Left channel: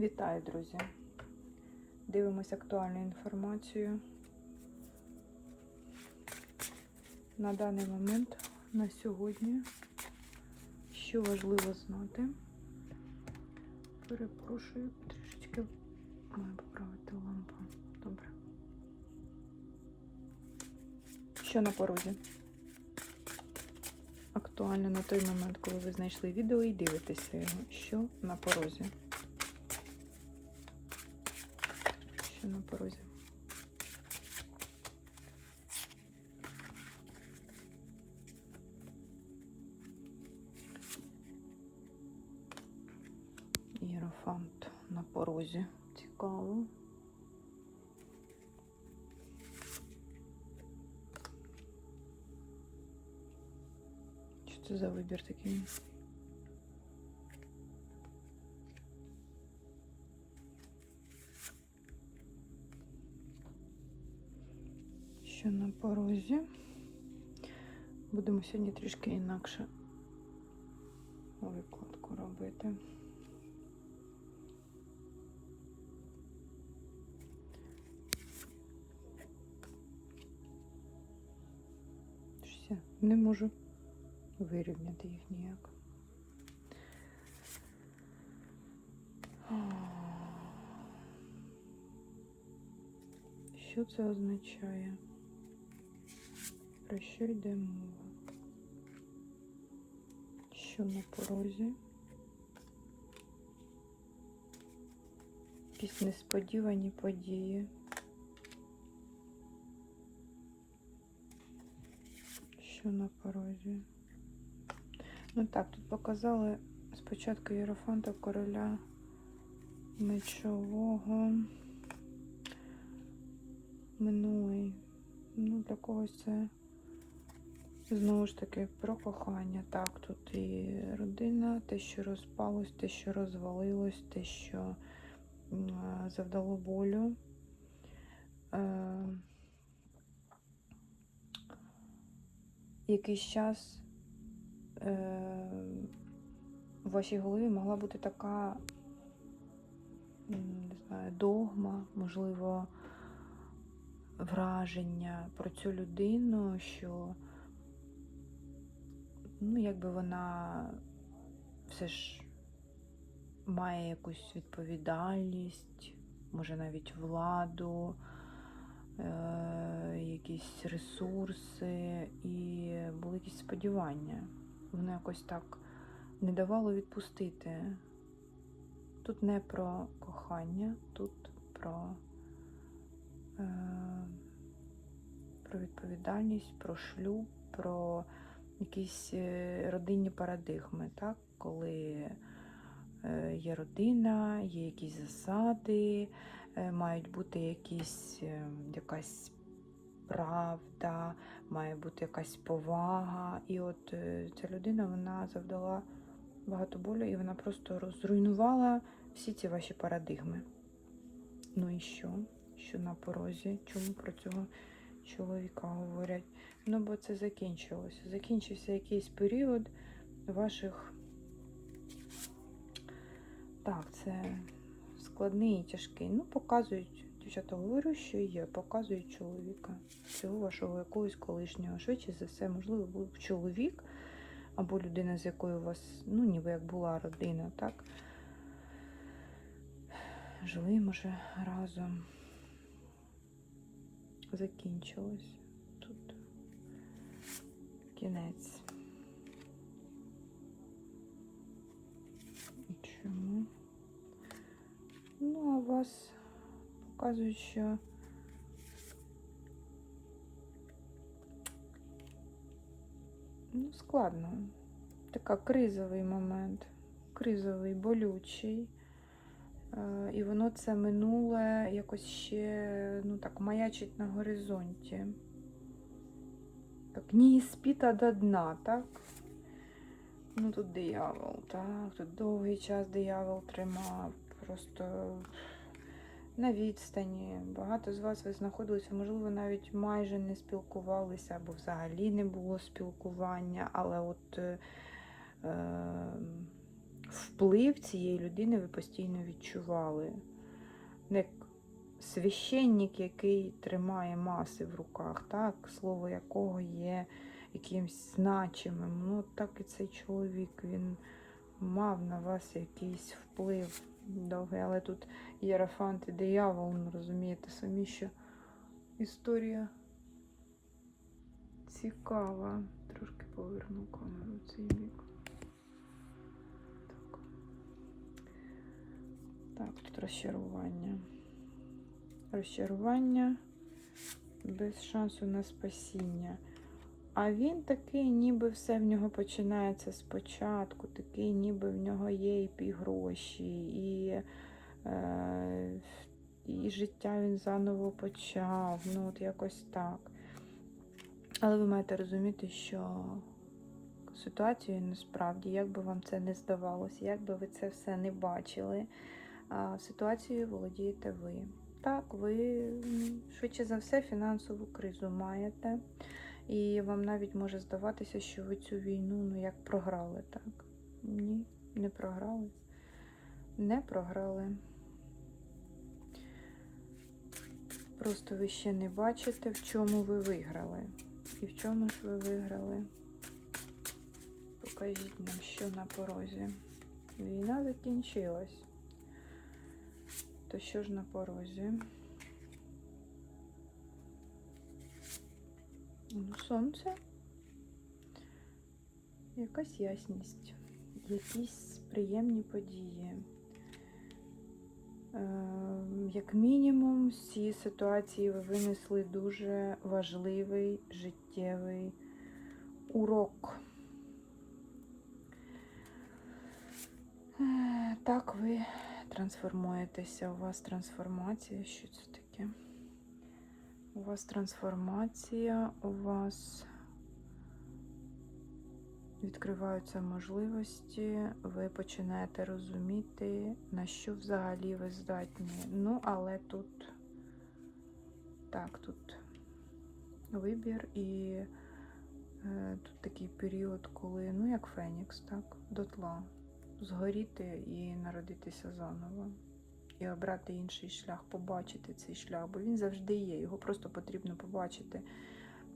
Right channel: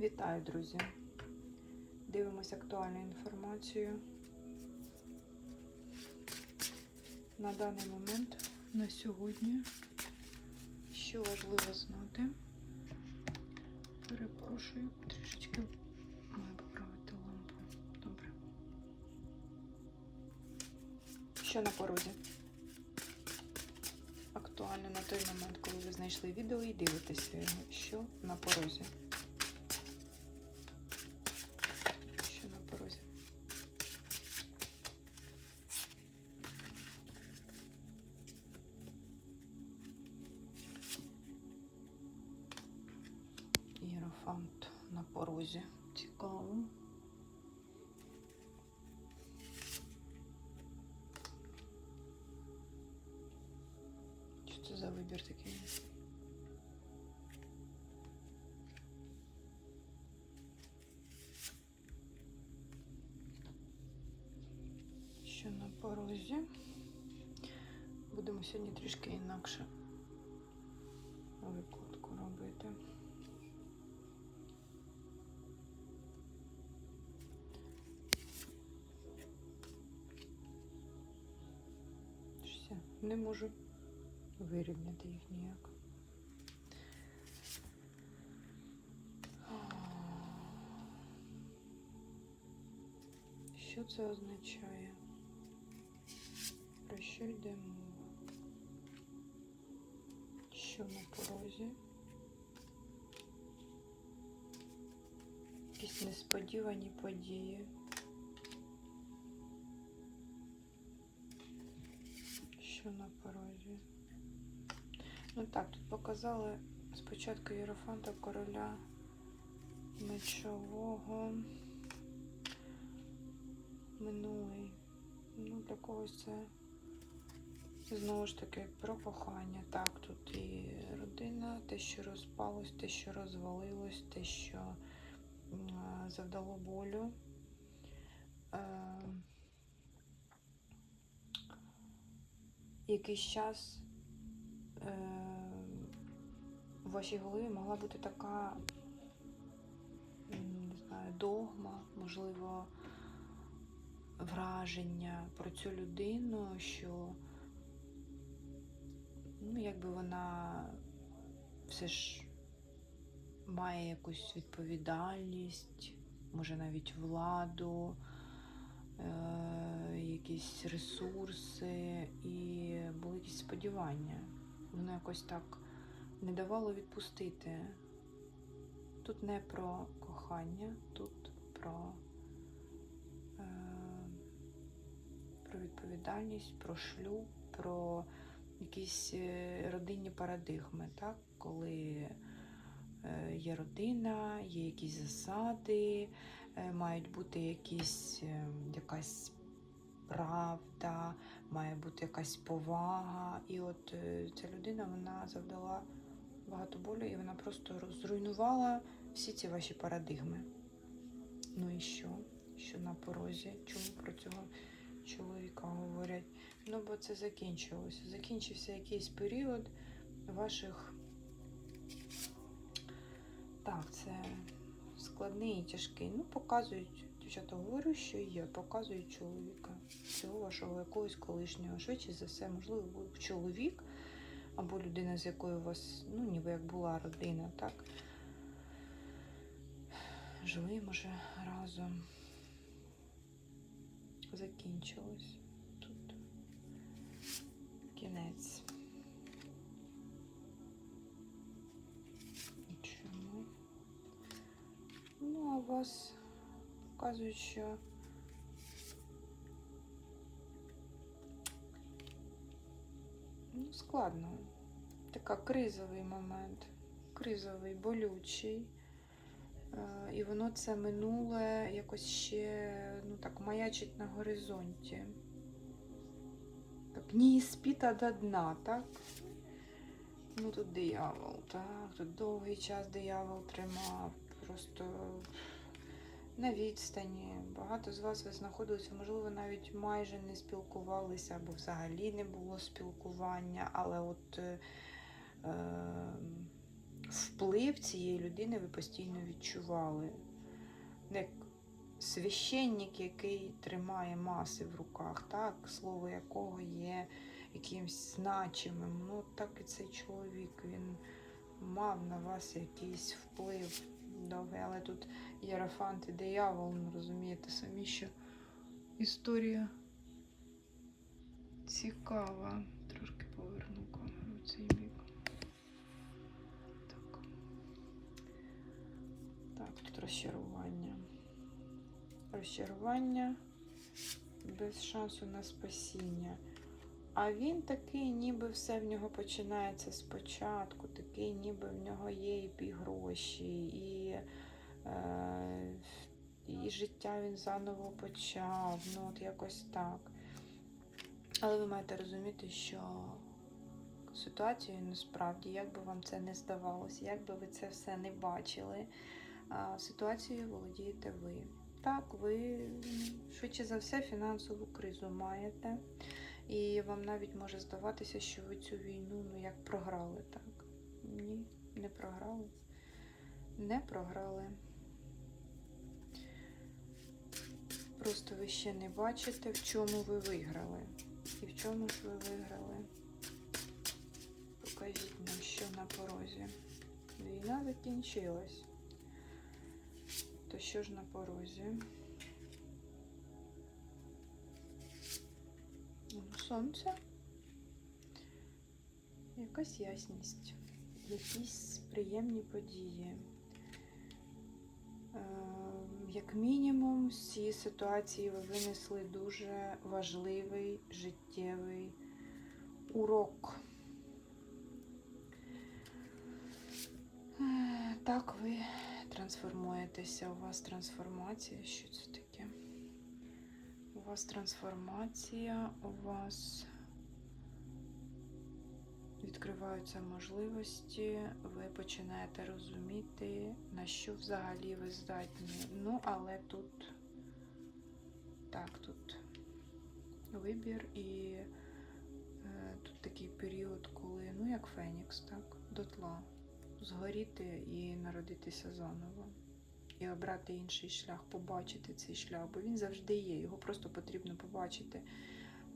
Вітаю, друзі! Дивимося актуальну інформацію. На даний момент, на сьогодні, що важливо знати. Перепрошую, трішечки маю поправити лампу. Добре. Що на порозі? Актуально на той момент, коли ви знайшли відео і дивитеся, що на порозі. Цікаво. Що це за вибір такий? Що на порозі? Будемо сьогодні трішки інакше викладку робити. Можу вирівняти їх ніяк. Що це означає? Про що йде мова? Що на порозі? Якісь несподівані події. Що на порозі? Ну так, тут показали спочатку Єрофанта короля мечового. Минулий. Ну, для когось це знову ж таки про кохання. Так, тут і родина, те, що розпалось, те, що розвалилось, те, що завдало болю. Е, якийсь час е, в вашій голові могла бути така не знаю, догма, можливо, враження про цю людину, що ну, якби вона все ж має якусь відповідальність, може навіть владу, е, якісь ресурси і були якісь сподівання. Воно якось так не давало відпустити. Тут не про кохання, тут про, е, про відповідальність, про шлюб, про якісь е, родинні парадигми, так? коли е, є родина, є якісь засади, е, мають бути якісь, якась правда, має бути якась повага. І от е, ця людина вона завдала багато болю, і вона просто розруйнувала всі ці ваші парадигми. Ну і що? Що на порозі? Чому про цього чоловіка говорять? Ну, бо це закінчилося. Закінчився якийсь період ваших. Так, це складний і тяжкий. Ну, показують, дівчата говорю, що є, показують чоловіка. Цього вашого якогось колишнього. Швидше за все, можливо, був чоловік або людина, з якою у вас, ну, ніби як була родина, так? Жили, може, разом. Закінчилось тут. Кінець. Чому? Ну, а вас показують, що складно. Така кризовий момент, кризовий, болючий. Е, І воно це минуле якось ще ну так маячить на горизонті. Так, ні спіта до дна, так? Ну тут диявол, так, тут довгий час диявол тримав, просто на відстані. Багато з вас ви знаходилися, можливо, навіть майже не спілкувалися, або взагалі не було спілкування, але от е, е, вплив цієї людини ви постійно відчували. Як священник, який тримає маси в руках, так, слово якого є якимсь значимим. Ну, так і цей чоловік, він мав на вас якийсь вплив довгий, але тут Єрофант і диявол, ну, розумієте, самі що історія цікава. Трошки поверну камеру в цей бік. Так. Так, тут розчарування. Розчарування без шансу на спасіння. А він такий, ніби все в нього починається спочатку, такий, ніби в нього є і гроші, і, е, і життя він заново почав. Ну, от якось так. Але ви маєте розуміти, що ситуацію насправді, як би вам це не здавалося, як би ви це все не бачили, ситуацією володієте ви. Так, ви швидше за все фінансову кризу маєте. І вам навіть може здаватися, що ви цю війну ну, як програли, так? Ні, не програли. Не програли. Просто ви ще не бачите, в чому ви виграли. І в чому ж ви виграли? Покажіть нам, що на порозі. Війна закінчилась. То що ж на порозі? Сонце. Якась ясність, якісь приємні події. Е, Як мінімум, з цієї ситуації ви винесли дуже важливий життєвий урок. Е, Так, ви трансформуєтеся. У вас трансформація. Що це таке? У вас трансформація, у вас відкриваються можливості, ви починаєте розуміти, на що взагалі ви здатні. Ну, але тут так, тут вибір і е, тут такий період, коли, ну як Фенікс, так, дотла, згоріти і народитися заново і обрати інший шлях, побачити цей шлях, бо він завжди є. Його просто потрібно побачити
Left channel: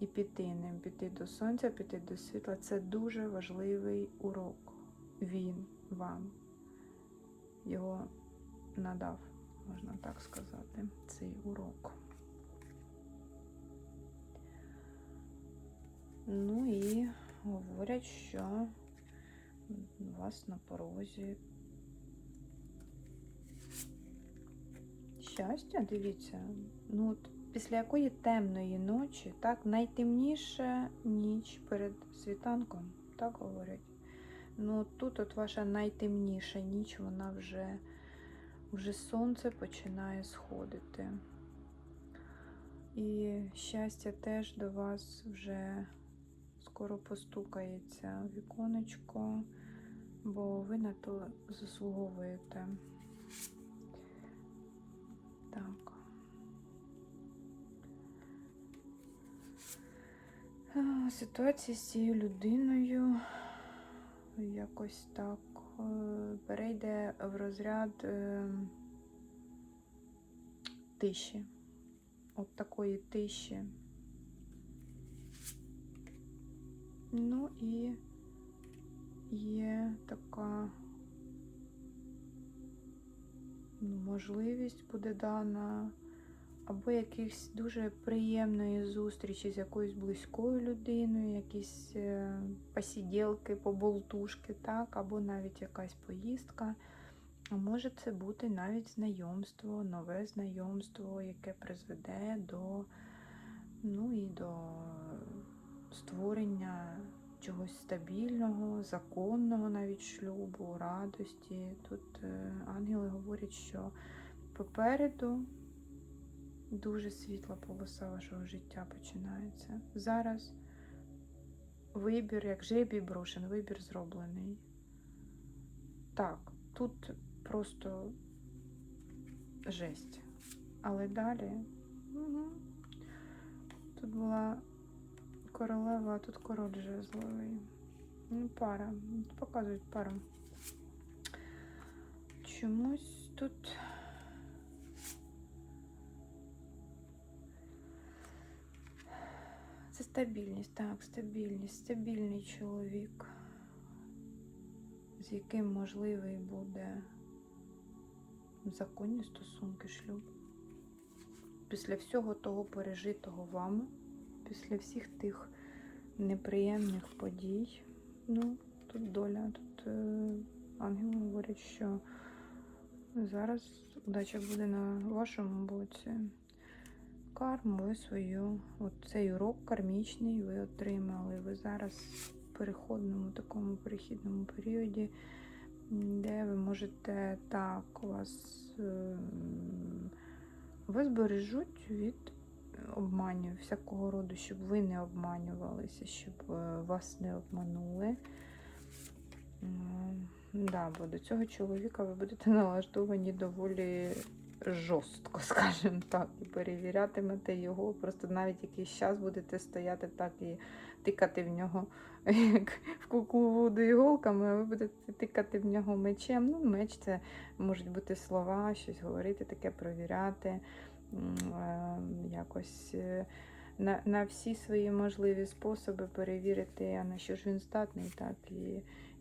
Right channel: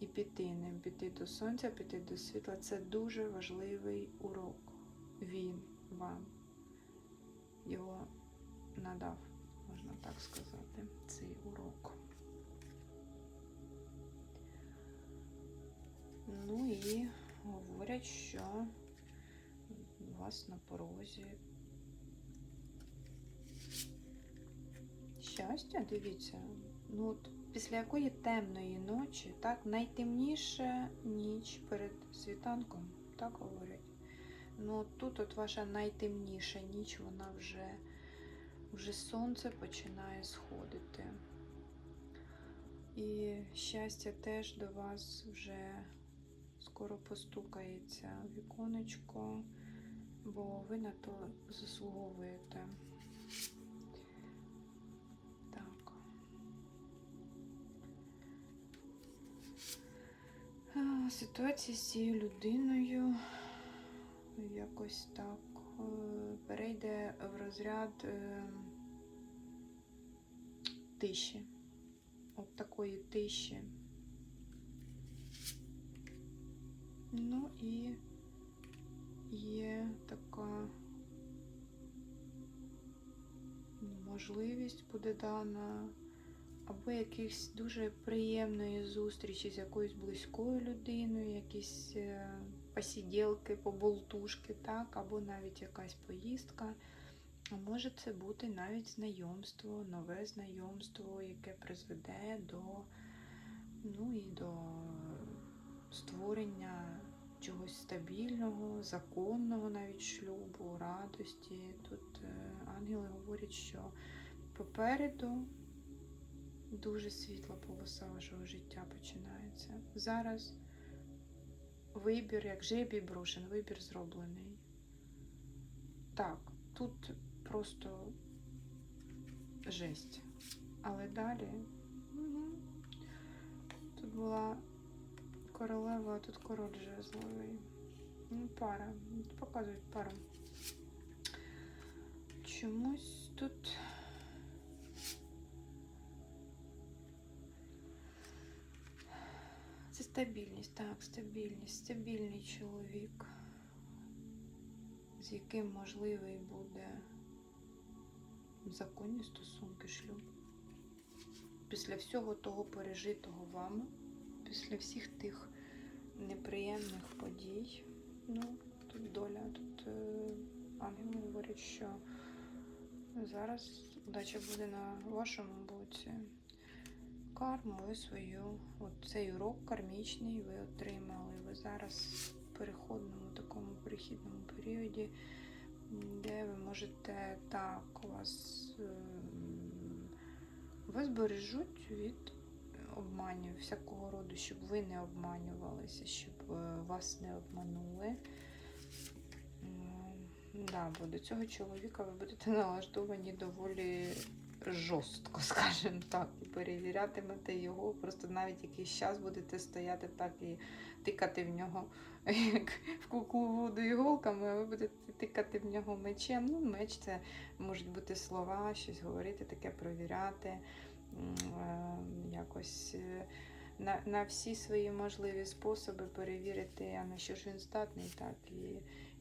і піти ним, піти до сонця, піти до світла. Це дуже важливий урок. Він вам його надав, можна так сказати, цей урок. Ну і говорять, що у вас на порозі щастя, дивіться, ну от після якої темної ночі, так, найтемніша ніч перед світанком, так говорять. Ну тут от ваша найтемніша ніч, вона вже, вже сонце починає сходити. І щастя теж до вас вже скоро постукається віконечко, бо ви на то заслуговуєте. А, Ситуація з цією людиною якось так е, перейде в розряд е, тиші. От такої тиші. Ну і є така можливість буде дана, або якихось дуже приємної зустрічі з якоюсь близькою людиною, якісь е, посіділки, поболтушки, так, або навіть якась поїздка. Може це бути навіть знайомство, нове знайомство, яке призведе до, ну і до створення чогось стабільного, законного навіть шлюбу, радості. Тут е, ангели говорять, що попереду дуже світла полоса вашого життя починається. Зараз вибір, як жебій брошен, вибір зроблений. Так, тут просто жесть. Але далі мгм, тут була королева, а тут король жезловий. Ну, пара. Показують пара. чомусь тут. Стабільність, так, стабільність, стабільний чоловік, з яким можливий буде законні стосунки шлюб. Після всього того пережитого вами, після всіх тих неприємних подій, ну, тут доля, тут е, ангели говорять, що зараз удача буде на вашому боці. Карму ви свою, от цей урок кармічний ви отримали. Ви зараз в переходному такому перехідному періоді, де ви можете так вас, ем, вас бережуть від обманів всякого роду, щоб ви не обманювалися, щоб е, вас не обманули. Да, бо до цього чоловіка ви будете налаштовані доволі жорстко, скажімо так, і перевірятимете його. Просто навіть якийсь час будете стояти так і тикати в нього, як в куку воду іголками, ви будете тикати в нього мечем. Ну, меч це можуть бути слова, щось говорити, таке провіряти. е, Якось е, на, на всі свої можливі способи перевірити, на що ж він здатний, так і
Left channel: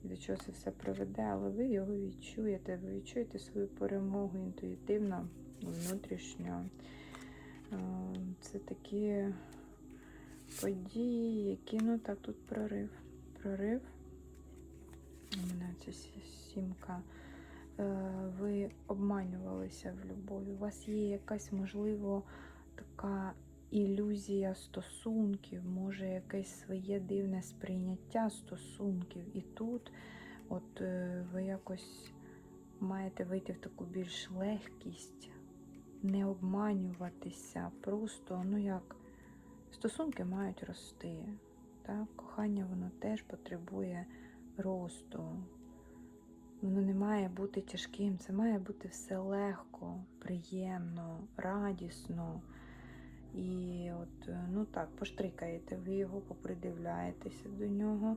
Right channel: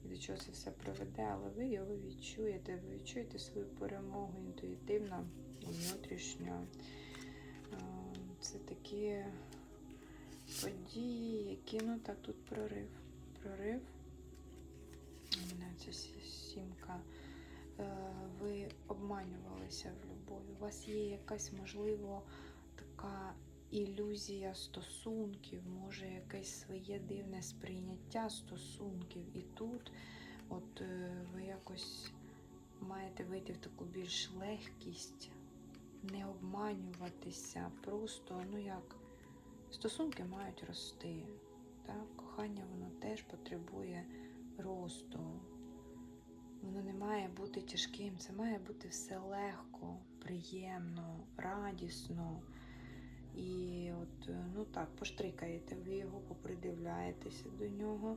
до чого це все приведе, але ви його відчуєте, ви відчуєте свою перемогу інтуїтивно, внутрішньо. Е, Це такі події, які ну та тут прорив. Прорив. Ця сімка. Е, Ви обманювалися в любові. У вас є якась, можливо, така ілюзія стосунків, може якесь своє дивне сприйняття стосунків. І тут от е, ви якось маєте вийти в таку більш легкість, не обманюватися, просто, ну як, стосунки мають рости. Так? Кохання воно теж потребує росту. Воно не має бути тяжким, це має бути все легко, приємно, радісно. І от, е, ну так, поштрикаєте ви його, попридивляєтеся до нього.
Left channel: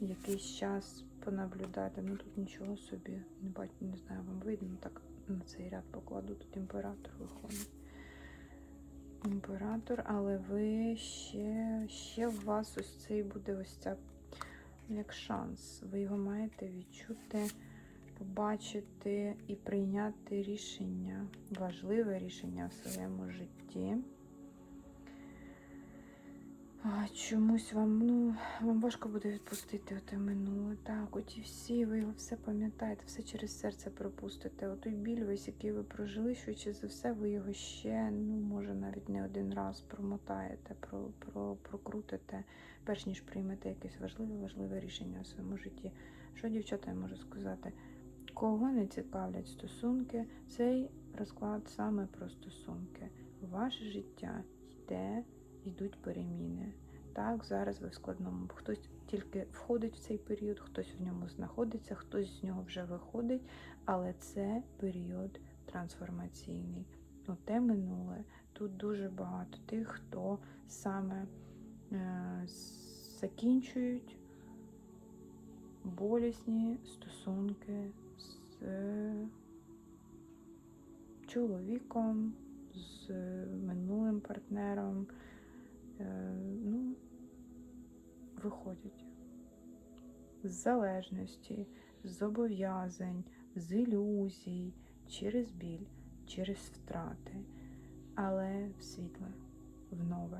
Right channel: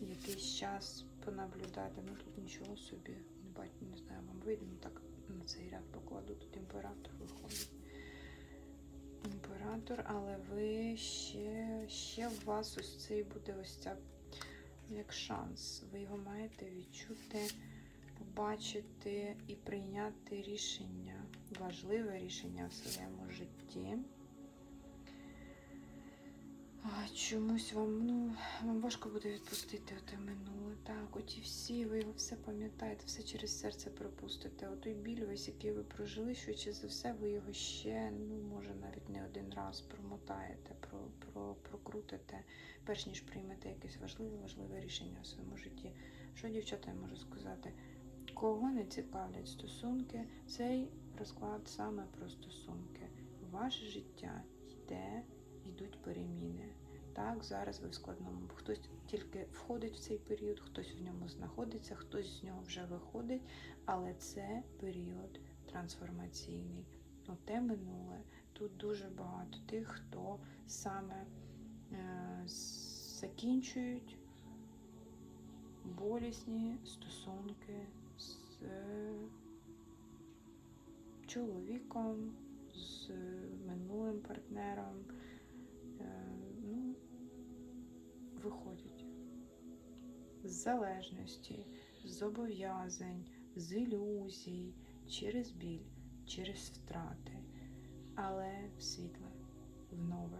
Якийсь час понаблюдати. Ну тут нічого собі, не бачу, не знаю, вам видно. Так на цей ряд покладу, тут імператор виходить. Імператор, але ви ще, ще в вас ось цей буде ось ця як шанс. Ви його маєте відчути, побачити і прийняти рішення, важливе рішення в своєму житті. Чомусь вам, ну, вам важко буде відпустити те минуле. Так, оті всі, ви все пам'ятаєте, все через серце пропустите. Отой біль весь, який ви прожили, швидше за все, ви його ще, ну, може, навіть не один раз промотаєте, про, про, прокрутите, перш ніж приймете якесь важливе, важливе рішення в своєму житті. Що дівчата я можу сказати? Кого не цікавлять стосунки, цей розклад саме про стосунки. Ваше життя йде йдуть переміни. Так, зараз ви в складному. Хтось тільки входить в цей період, хтось в ньому знаходиться, хтось з нього вже виходить, але це період трансформаційний. Ну, те минуле. Тут дуже багато тих, хто саме е, закінчують болісні стосунки чоловіком, з минулим партнером. Е, ну, виходять з залежності, з зобов'язань, з ілюзій, через біль, через втрати, але в світле, в нове.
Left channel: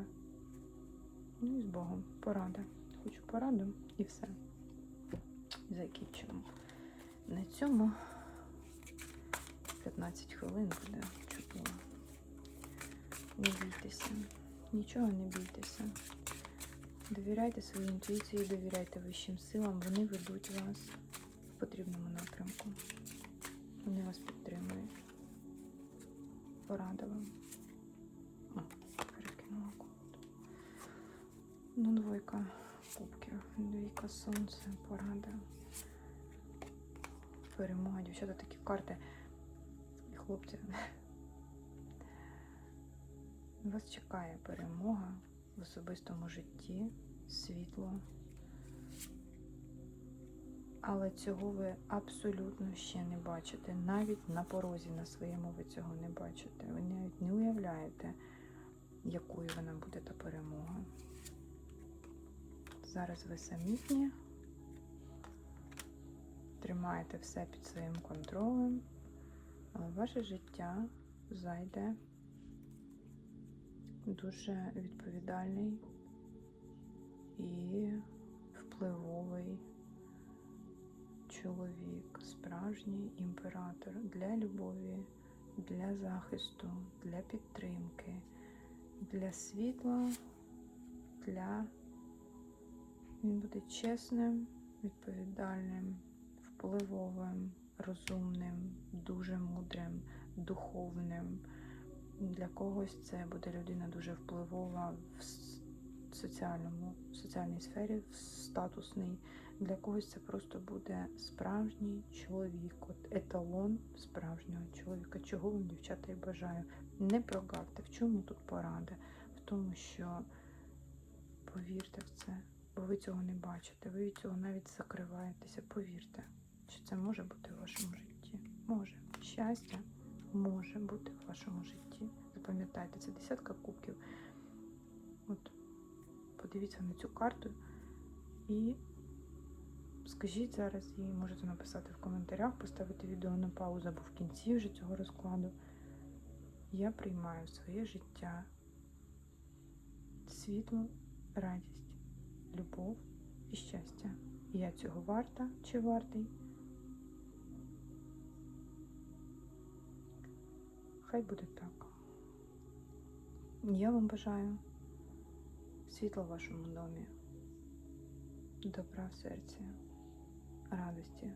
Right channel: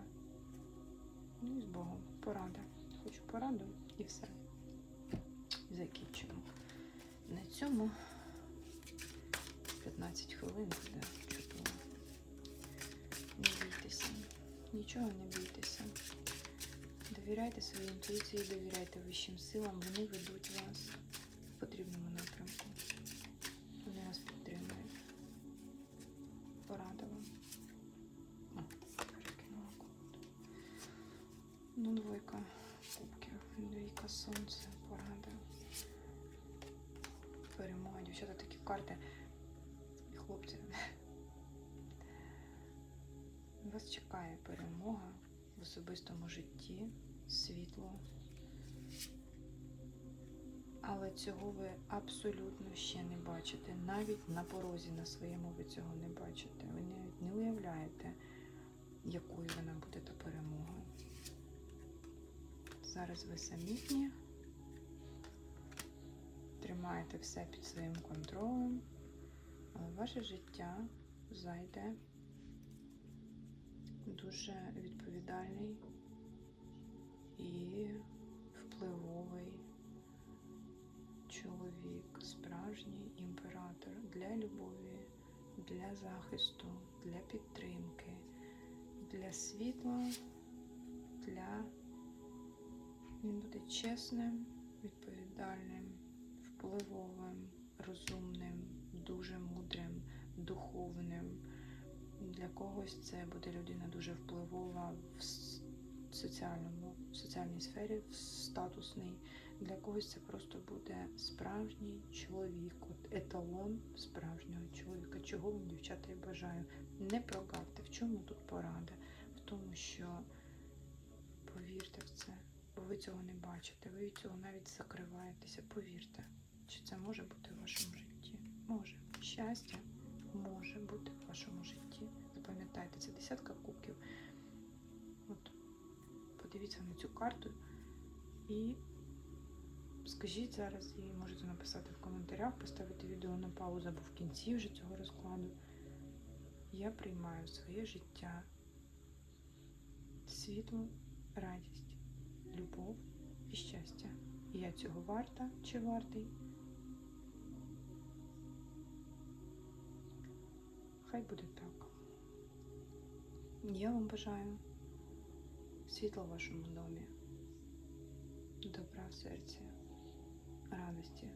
Ну і з Богом. Порада. Хочу пораду і все. Закінчимо. На цьому 15 хвилин буде. Не бійтеся. Нічого не бійтеся. Довіряйте своїй інтуїції, довіряйте вищим силам, вони ведуть вас в потрібному напрямку. Вони вас підтримують. Порада вам. Перекинула код. Ну, двойка кубків, двійка сонця, порада. Перемога, дівчата, такі карти. Хлопці. Вас чекає перемога в особистому житті, світло. Але цього ви абсолютно ще не бачите. Навіть на порозі на своєму ви цього не бачите. Ви навіть не уявляєте, якою вона буде та перемога. Зараз ви самітні, тримаєте все під своїм контролем, ваше життя зайде дуже відповідальний і впливовий чоловік, справжній імператор для любові, для захисту, для підтримки, для світла, для він буде чесним, відповідальним, впливовим, розумним, дуже мудрим, духовним. Для когось це буде людина дуже впливова в соціальному, в соціальній сфері, в статусній. Для когось це просто буде справжній чоловік, от еталон справжнього чоловіка, чого вам, дівчата, і бажаю. Не прогавте. В чому тут порада? В тому, що повірте в це, бо ви цього не бачите, ви від цього навіть закриваєтеся. Повірте, що це може бути в вашому житті. Може. Щастя може бути в вашому житті. Запам'ятайте, це десятка кубків. От подивіться на цю карту і скажіть зараз їй, можете написати в коментарях, поставити відео на паузу або в кінці вже цього розкладу. Я приймаю своє життя світло, радість, любов і щастя. Я цього варта чи вартий. Хай буде так. Я вам бажаю світла в вашому домі, добра в серці, радості